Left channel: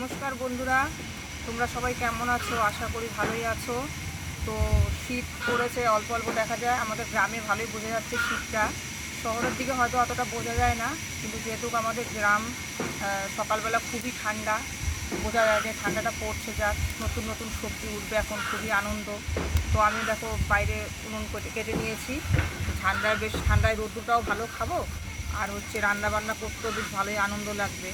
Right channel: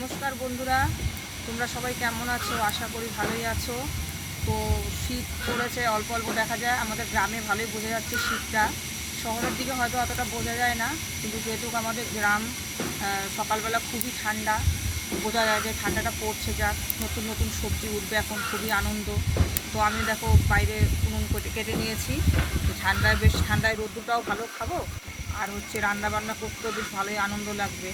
নমস্কার বন্ধুরা, তোমরা সবাই কেমন আছো? আশা করি ভালোই আছো। তো শীত পড়েছে, অল্প অল্প দেখা যায়। আমাদের গ্রামে ভালোই বোঝা যাচ্ছে শীতটা। শহরের দিকে হয়তো অতটা বোঝা যায় না, কিন্তু যেহেতু আমাদের গ্রাম, সকালবেলা খুবই ঠান্ডা, বোঝা যায় যে ঠান্ডাটা পড়ছে। যাক, নতুন নতুন সবজি উঠবে এখন, খুবই আনন্দ। তো আমি দেখো বাইরে উনুন কেটে নিয়েছি। ঠান্ডায় রোদ্দুরটাও ভালো খাবো, আর হচ্ছে রান্না বান্না করতেও বেশ ভালোই আনন্দ লাগবে।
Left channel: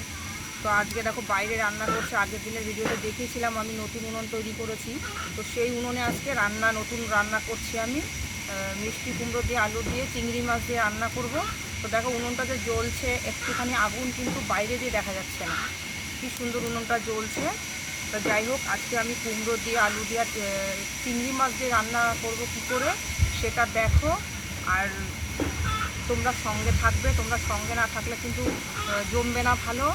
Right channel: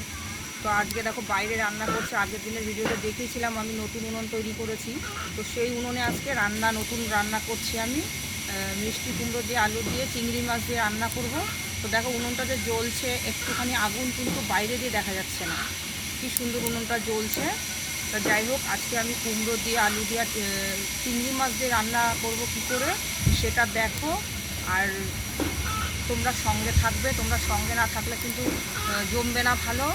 তো আজকে দেখো বাইরে রান্না করছে। আগের দিনের ভিডিওতে দেখিয়েছিলাম আমি নতুন উনুন তৈরি করেছি। তো সেই উনুনে আজকে নতুন রান্না করছি আমি। মিষ্টি কুমড়ো দিয়ে, আলু দিয়ে, চিংড়ি মাছ দিয়ে রান্না করব। তো দেখো উনুনটা যে জ্বলছে, একটুখানি আগুন কিন্তু বাইরে দিয়ে দেখা যাচ্ছে না। কি সুন্দর উনুনটা জ্বলছে। তা যাই হোক, আজকে আমি কুমড়ো দিয়ে, আলু দিয়ে, চিংড়ি মাছ দিয়ে রান্না করব কী করে সেটা দেখো। আর তোমরা সঙ্গে থাকবে, তোমরা সঙ্গে না থাকলে কিন্তু জমবে না ভালো।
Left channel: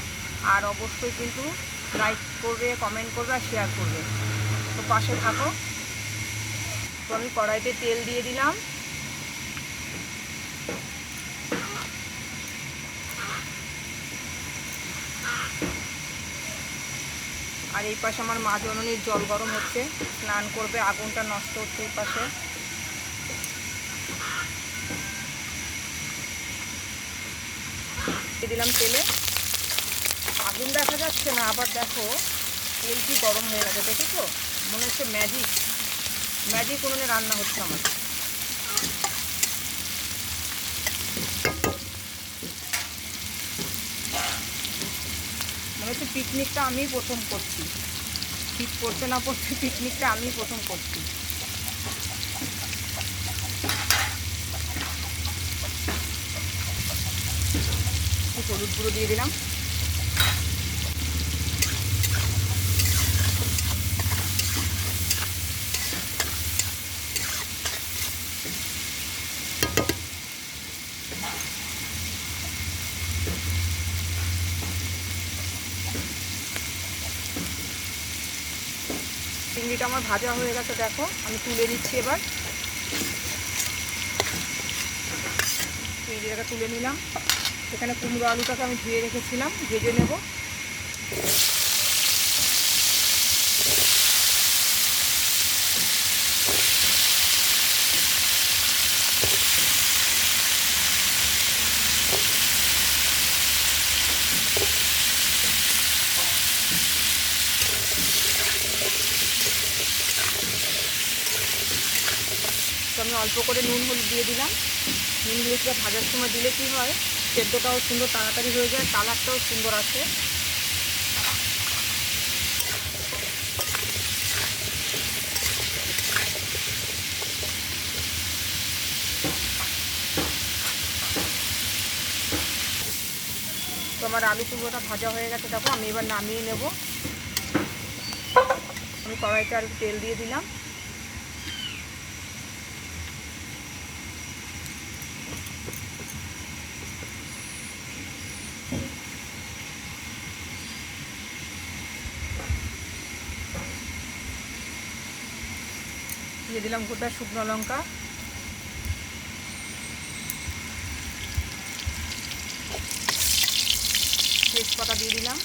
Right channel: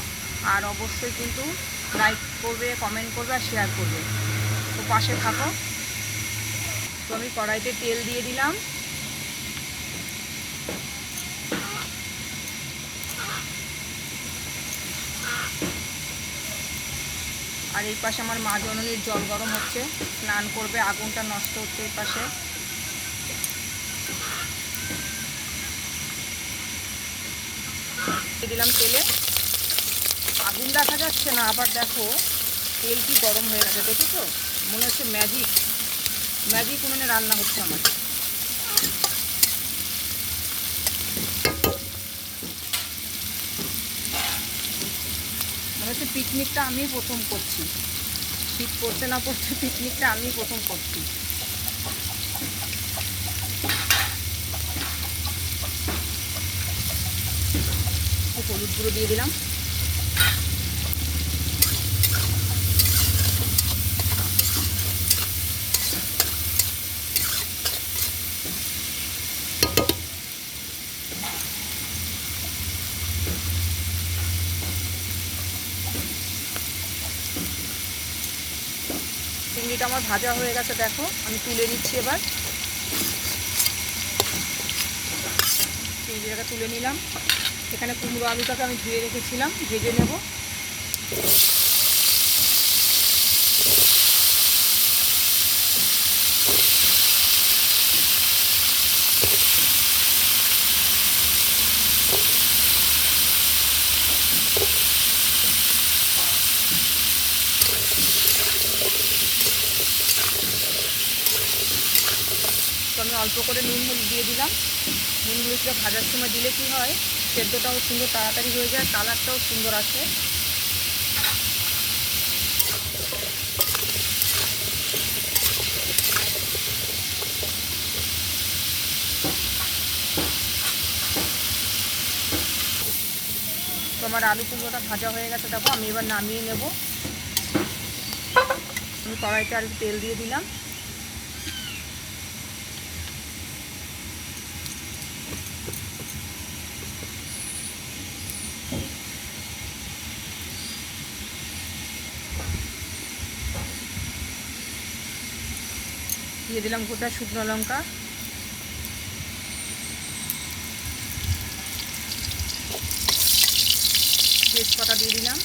আর অবশ্যই কিন্তু লাইক করবে, কমেন্ট করবে আর শেয়ার করবে। তো পাশে থাকো। তো আমি কড়াইতে তেল দিয়ে দিলাম। আর এই পাশে আমার মা জননীর জল গরম হচ্ছে, স্নান করবে, আগুনটা নষ্ট হচ্ছে এই পাশে। দিয়ে দিলাম তেলে। আগুন দেখা যাচ্ছে না, আবার দেখো তেল কি গরম হয়ে গেছে, দেখেছো? মনে হচ্ছে ম্যাজিক উনুনে রান্না হচ্ছে আমার। মনে হচ্ছে পিকনিকটা আমি প্রথম করছি। শীত পড়তে না পড়তে পিকনিকটা আমি প্রথম করছি। হলুদ গুঁড়ো দিয়ে দিলাম। চিংড়িটা আমার ভাজা হয়ে গেছে, দেখো আমি তুলে নিচ্ছি। এবার চিংড়িটাকে তুলে নিলাম। এখানে কুমড়ো আলুটাকে আমি ধুয়ে রেখেছিলাম, ভেজে নেব। তো আমি অল্প করে নুন হলুদ দিয়ে দিলাম। নুন হলুদটা ভাজার সময় দিলে কি হয়, সেদ্ধটাও সুন্দর তাড়াতাড়ি হয়ে যায়, কালারটাও সুন্দর আসে। তো আমার আলু কুমড়োটা ভাজা হয়ে গেছে, দেখো আমি এবার নামিয়ে নেব। আমি কড়াইতে আর তেল দিয়ে দিলাম। দিয়ে দিলাম গোটা শুকনো লঙ্কা, তেজপাতা দিয়ে দিলাম,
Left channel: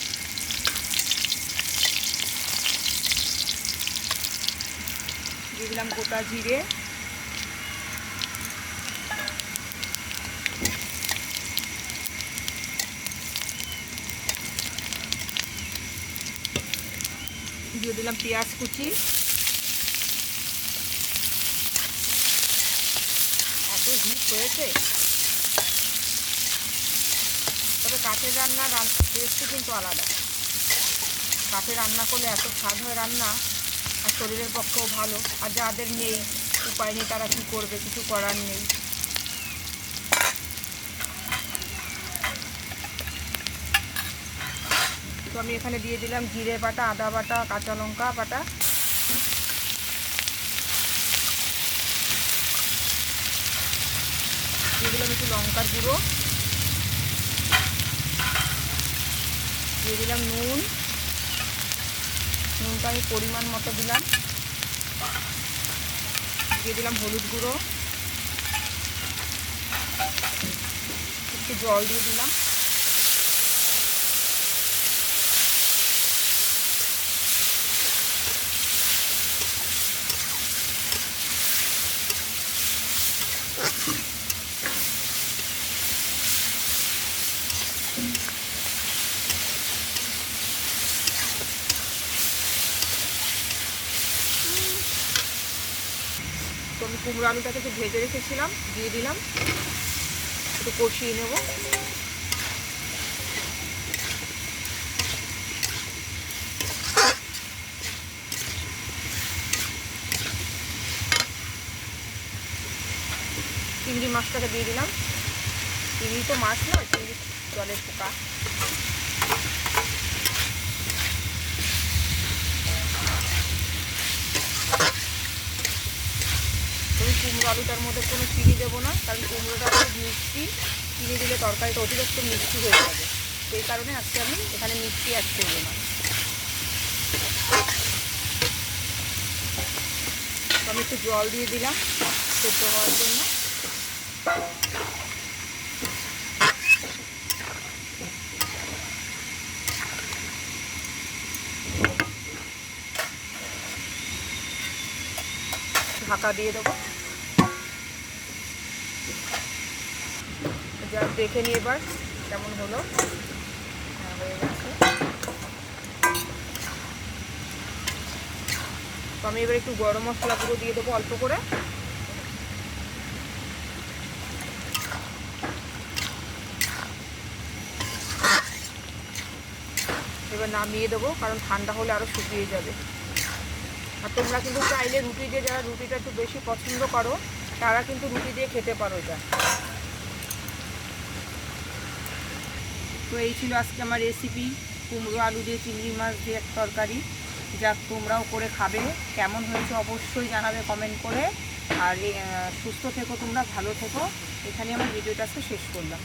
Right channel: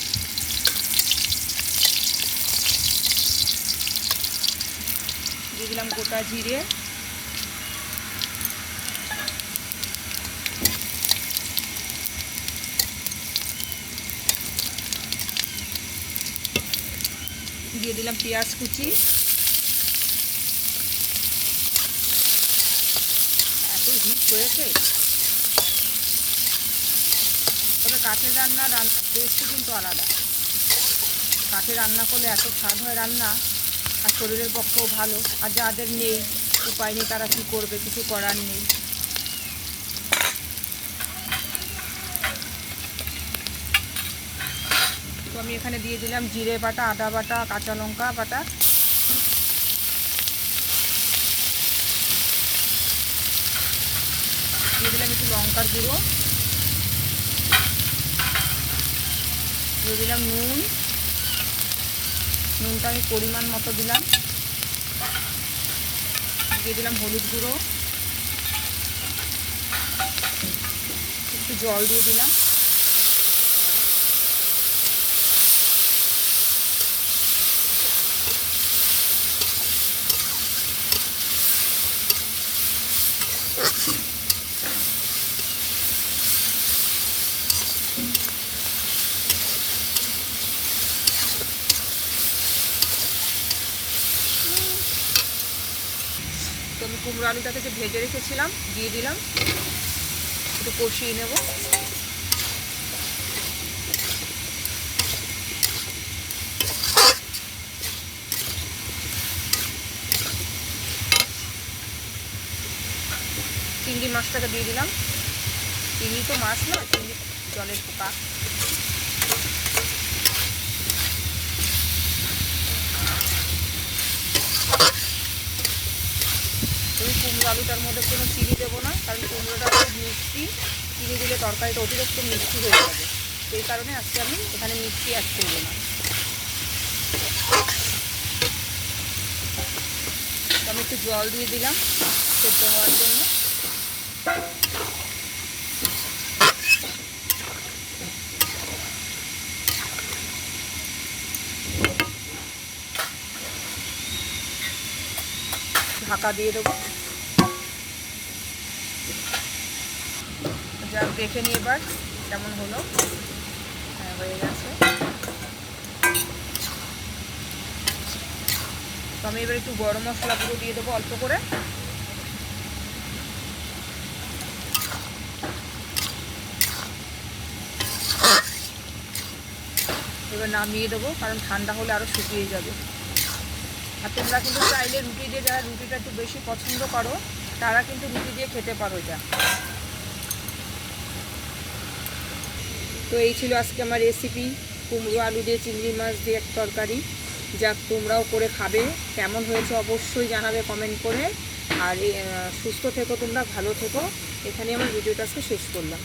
দিয়ে দিলাম গোটা জিরে, দিয়ে দিলাম পেঁয়াজ কুচি। এত হিট হয়েছে, তবে কাঠের রান্নার টেস্টই কিন্তু আলাদা। কাঠে রান্না করলে এত স্বাদ হয় রান্না, আর শরীরের পক্ষেও ভালো। আর যাদের নেই, উপায় নেই, তারা কী করবে, কিছু করার নেই। তো আমি এখানে দিয়ে দিলাম জিরে বাটা, আদা বাটা, কাঁচা লঙ্কা বাটা। দিয়ে দিলাম একটু লঙ্কার গুঁড়ো, দিয়ে দিলাম নুনটা আমি পরিমাণ মতো দিলাম। দিয়ে দিলাম হলুদ গুঁড়ো, একটু জল দিয়ে দিলাম। আমি কুমড়ো আলুটাকে যে ভেজে রেখেছিলাম দিয়ে দিলাম, একটু কষিয়ে নেব। চিংড়ি মাছটাকে দিয়ে দিলাম। চিংড়ি তো মাছ না, চিংড়ি জলের পোকা। আমি কুমড়ো আলুটার মধ্যে কোনো চিনি দেবো না, কারণ কুমড়োটা খুব মিষ্টি, চিনি দিলে তরকারিটা অতিরিক্ত মিষ্টি হয়ে যাবে। সেই কারণে আজকে আমি এখানে মিষ্টি অ্যাড করবো না। আমি একটু জল দিয়ে দিলাম সেদ্ধ হওয়ার জন্য। ঢাকা দিয়ে দেবো। যা দেখে নিয়ে এবার কেমন হলো, হয়ে গেছে। তো আমি এবার একটু গরম মশলা গুঁড়ো দিয়ে দেবো অল্প করে। এবার নামিয়ে দেবো, কারণ ঠান্ডা হলে আরও শুকিয়ে যাবে। আর তোমরা কিন্তু চাইলে রুটি দিয়ে, যারা রুটিটা একটু বেশি পছন্দ করো তারা কিন্তু রুটি দিয়ে খেতে পারো এটা। তো এই ছিল আজকে আমার রেসিপি, কুমড়ো আলু দিয়ে চিংড়ি মাছ দিয়ে তরকারি। যাক, তোমরাও করে খাবে, কেমন হয়েছে অবশ্যই জানাবে কমেন্ট করে। আর সুস্থ থেকো, তোমরা ভালো থেকো। এখানে আমার ভিডিওটা আজকে শেষ করলাম।